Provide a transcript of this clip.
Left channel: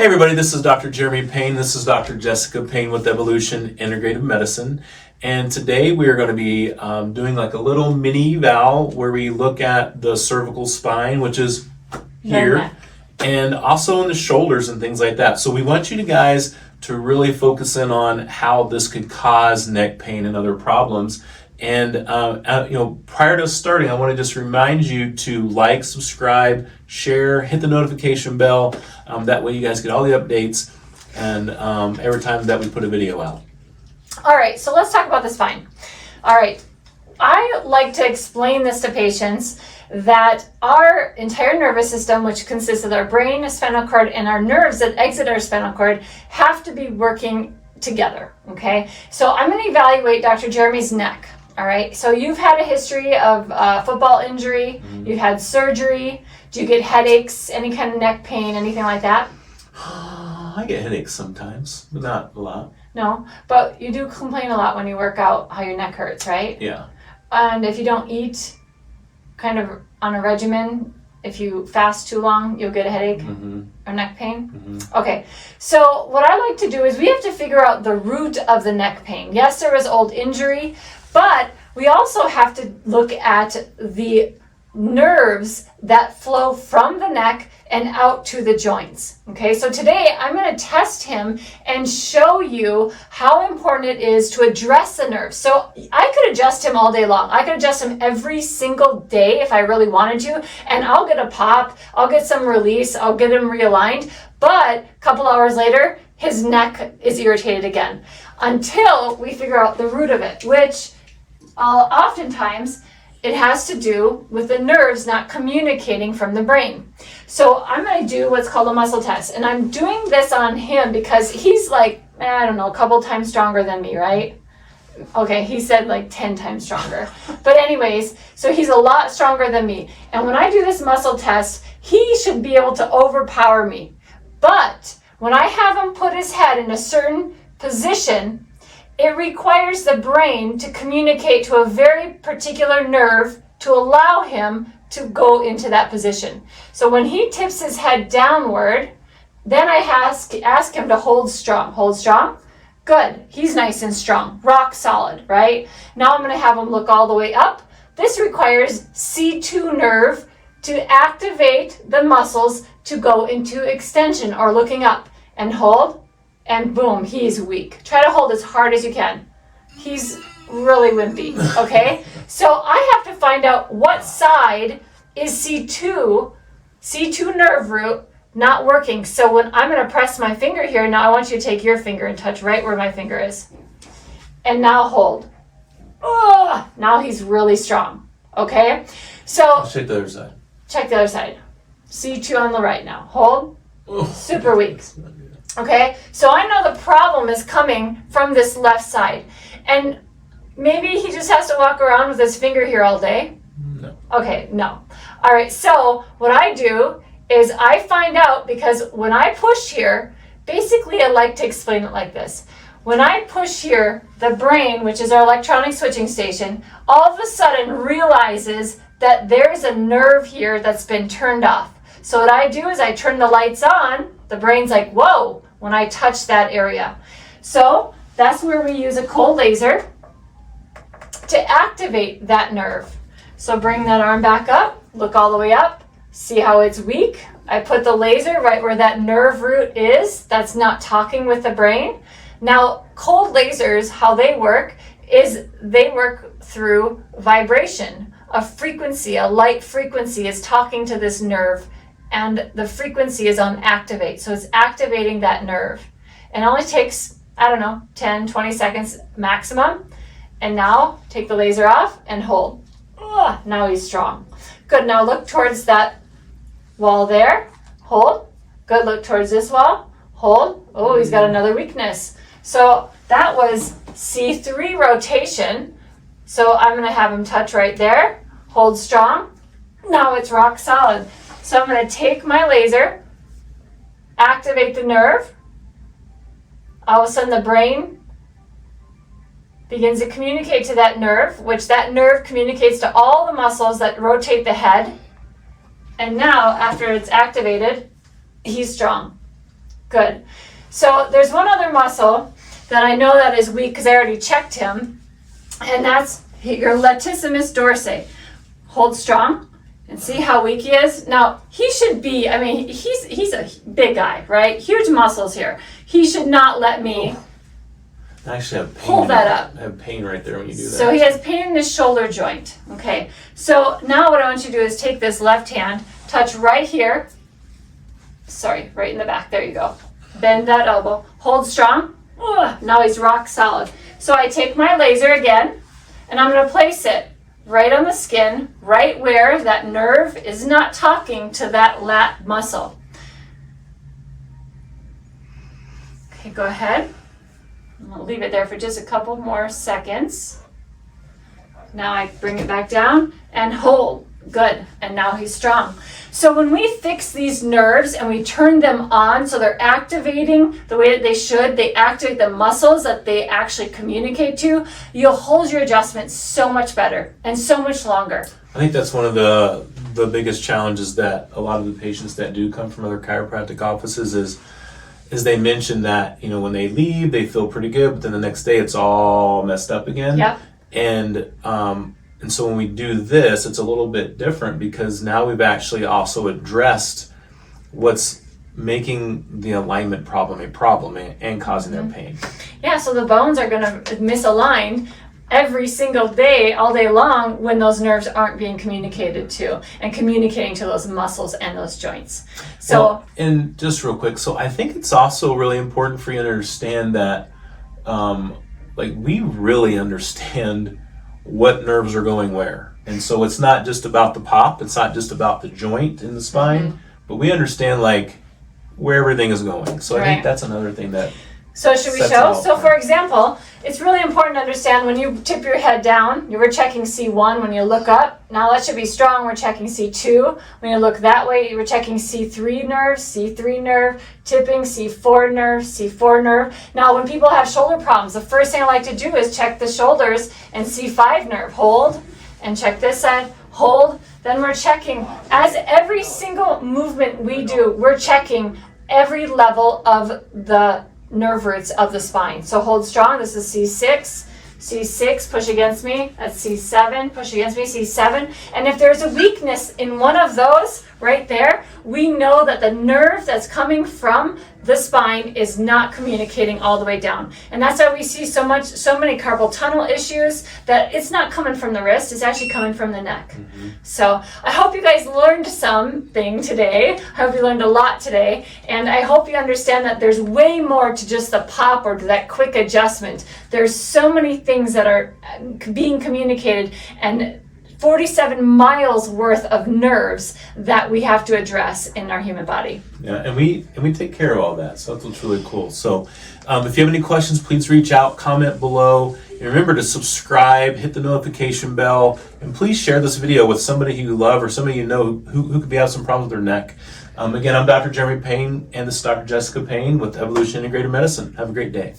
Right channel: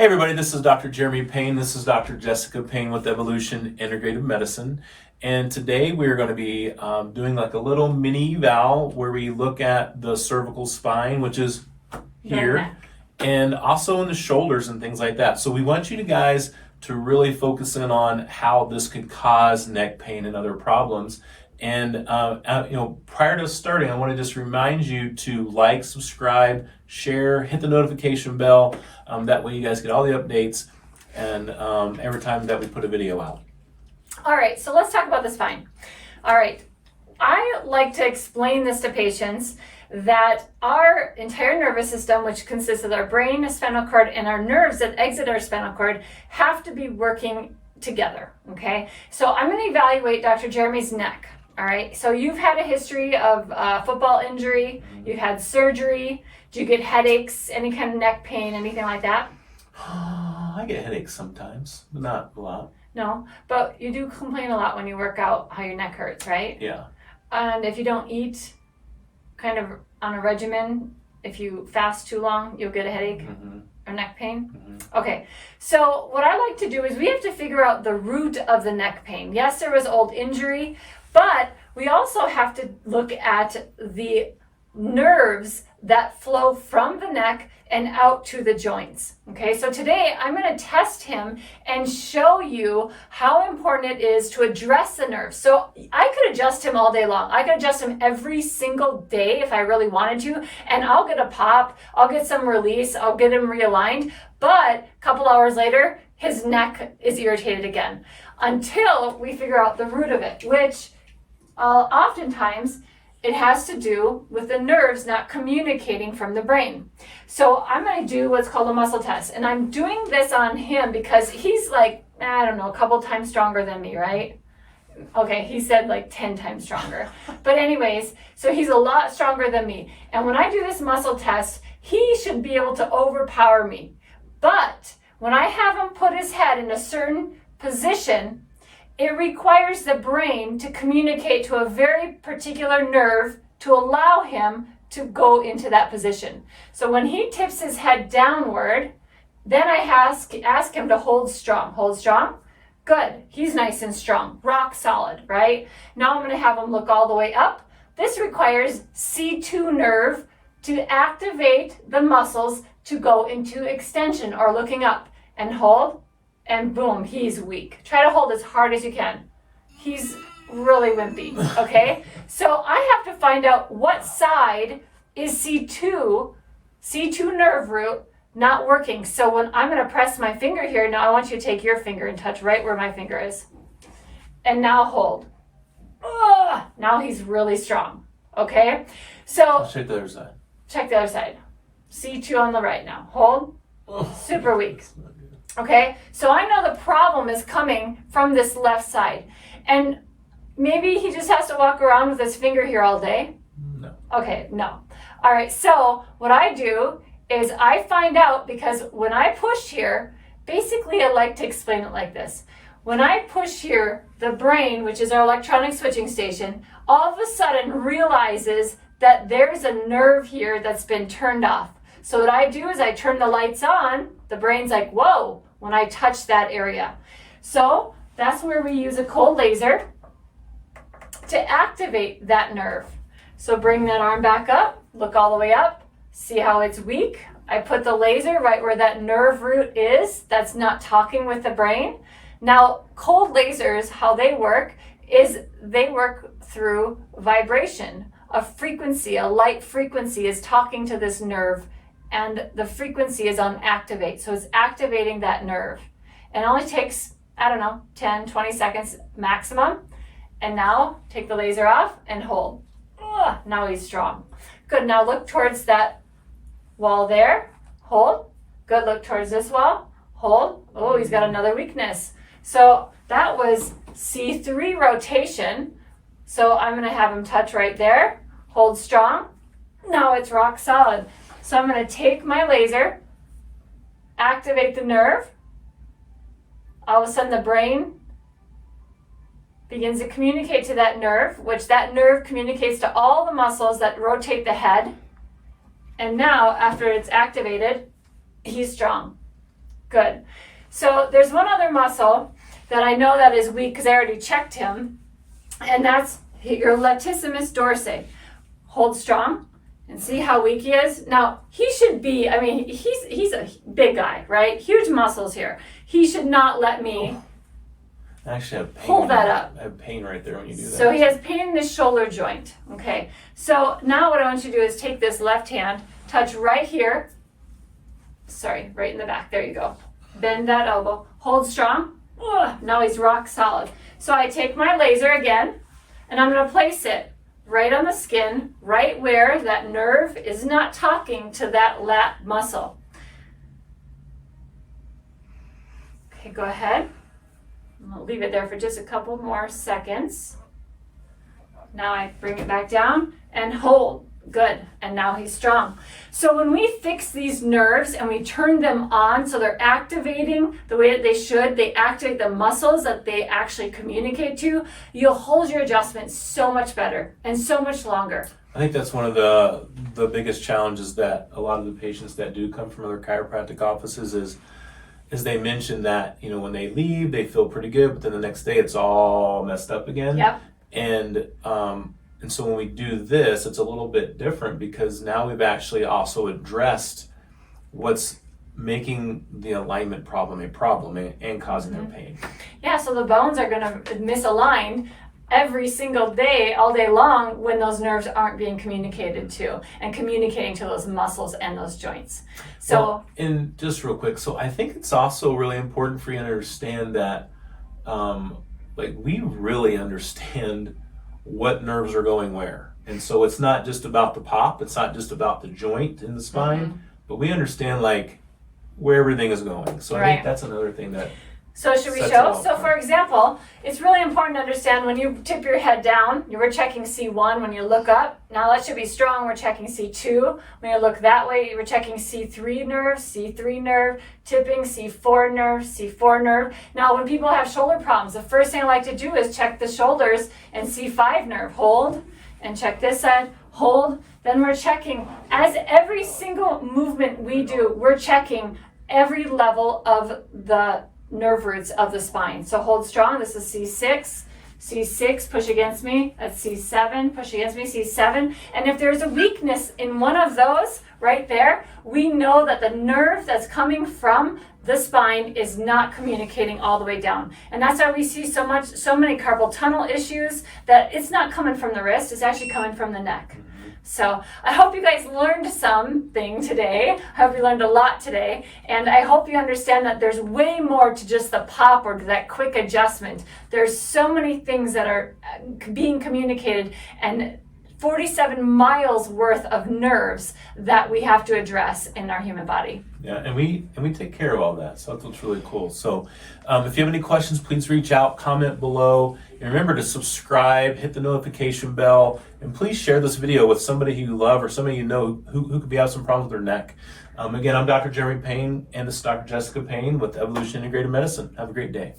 Hey everybody, this is Dr. Jeremy Payne. This is Dr. Jessica Payne with Evolution Integrative Medicine. And today we are going to be doing like a little mini eval where we look at the cervical spine, which is here, and also in the shoulders and things like that. So we want you guys to really focus in on how this could cause neck pain and other problems. And prior to starting, I want to just remind you to like, subscribe, share, hit the notification bell. That way you guys get all the updates and every time that we put a video out. All right, so let's talk about the spine. All right, I like to explain this to patients that our entire nervous system, which consists of our brain, spinal cord, and our nerves that exit our spinal cord, have to be working together, okay? So I'm going to evaluate Dr. Jeremy's neck. All right, so you've had a history of football injury, you've had surgery, do you get headaches, any kind of neck pain, anything like that? I get headaches sometimes, but not a lot. No, but you do complain a lot when you work out how your neck hurts, right? Yeah. And if you don't eat kind of on a regimen, if you fast too long, you'll get a headache or neck pain? Okay, so what I like to do is we have to figure out the root of the neck pain. Yes, there was old injury, but we also have to look at the nerves that flow from the neck and out to the joints. Okay, so today I'm going to test him and show you how important it is to address the nerves. So I could adjust him all day long. I could adjust him every single day if I really wanted to, and I'll get a pop, I'll get some release, I'll get him realigned, but a couple hours later, his neck is irritated again until we figure out the root of it, which oftentimes it has to do with the nerves not communicating from the brain. So I'm going to do what's called a muscle test. And I'm doing this on him because he's like, I don't know, a couple times stronger than me, right? Okay, he said like 10 times stronger. But anyways, so he's a lot stronger than me. And when I do this muscle test, he should be able to overpower me. But when I have him put his head in a certain position, it requires the brain to communicate to a very particular nerve to allow him to go into that position. So when he tips his head downward, then I ask him to hold strong. Hold strong. Good. He's nice and strong. Rock solid, right? Now I'm going to have him look all the way up. This requires C2 nerve to activate the muscles to go into extension or looking up. And hold. And boom, he's weak. Try to hold as hard as you can. He's really wimpy, okay? So I have to find out what side is C2 nerve root not working. So when I'm gonna press my finger here, now I want you to take your finger and touch right where my finger is. And now hold. Oh, now he's really strong, okay? So Let's check the other side. Check the other side. C2 on the right now. Hold. Super weak. Okay, so I know the problem is coming from this left side. And maybe he just has to walk around with his finger here all day. No. Okay, no. All right, so what I do is I find out, because when I push here, basically I like to explain it like this. When I push here, the brain, which is our electronic switching station, all of a sudden realizes that there's a nerve here that's been turned off. So what I do is I turn the lights on. The brain's like, whoa, when I touch that area. So that's where we use a cold laser to activate that nerve. So bring that arm back up, look all the way up, see how it's weak. I put the laser right where that nerve root is that's not talking with the brain. Now, cold lasers, how they work is they work through vibration. A frequency, a light frequency is talking to this nerve, and the frequency is on activate. So it's activating that nerve. It only takes, 10, 20 seconds maximum. And now take the laser off and hold. Now he's strong. Good, now look towards that wall there. Hold. Good, look towards this wall. Hold. Oh, he's got another weakness. So that was C3 rotation. So I'm gonna have him touch right there. Hold strong. Now it's rock solid. So I'm going to take my laser, activate the nerve. All of a sudden the brain begins to communicate to that nerve, which that nerve communicates to all the muscles that rotate the head. And now, after it's activated, he's strong. Good. So there's one other muscle that I know that is weak because I already checked him, and that's your latissimus dorsi. Hold strong and see how weak he is. Now, he should be, I mean, he's a big guy, right? Huge muscles here. He should not let me I actually have pain. Hold that up. I have pain right there when you do that. So he has pain in his shoulder joint. Okay. So now what I want you to do is take this left hand, touch right here. Sorry, right in the back. There you go. Bend that elbow. Hold strong. Ugh, now he's rock solid. So I take my laser again, and I'm going to place it right on the skin, right where that nerve is not talking to that lat muscle. Okay, go ahead. I'm going to leave it there for just a couple more seconds. Now I bring it back down and hold. Good. And now he's strong. So when we fix these nerves and we turn them on so they're activating the way that they should, they activate the muscles that they actually communicate to, you'll hold your adjustment so much better and so much longer. I think that's one of the biggest challenges that a lot of the patients that do come from other chiropractic offices is they mention that, you know, when they leave, they feel pretty good, but then the next day it's all messed up again. Yep. And so when we do this, it's a little bit different because now we've actually also addressed what's making the alignment problem a problem and causing their pain. Yeah, so the bones are going to misalign every single day, all day long, when those nerves aren't being communicated to and communicating to those muscles and those joints. So, well, and just real quick, so I think it's also really important for you to understand that, like, we really understand what nerves are going where. And so it's not just about the pop, it's not just about the joint in the spine, but we understand, like, where everything is going. So I think that's another thing that so should we show? So for example, it's really important to understand when you tip your head down, you were checking C1 when you look up. Now that should be strong, we're checking C2. When you look that way, you were checking C3 nerve, C3 nerve, tipping, C4 nerve, C4 nerve. Now when people have shoulder problems, the first thing I like to do is check the shoulders and C5 nerve. Hold, and check this side, hold. Then we're checking, as every single movement we do, we're checking every level of the nerve roots of the spine. So hold strong. This is C6. C6, push against me. That's C7, push against me, C7. And if there's a weakness in one of those right there, we know that the nerve that's coming from the spine is not communicating all the way down. And that's why we see so many carpal tunnel issues, that it's not coming from the wrist, it's actually coming from the neck. So I hope you guys learned something today. I hope you learned a lot today. And I hope you understand that there's way more to just the pop or to that quick adjustment. There's so many things that are being communicated, and 47 miles worth of nerves that we have to address in our human body. Yeah, and we take care of all that, so that's what's really cool. So if you have any questions, please reach out, comment below, and remember to subscribe, hit the notification bell, and please share this video with somebody who you love or somebody you know who could be having some problems with their neck. Again, I'm Dr. Jeremy Payne, and this is Dr. Jessica Payne with Evolution Integrative Medicine. Have a great day.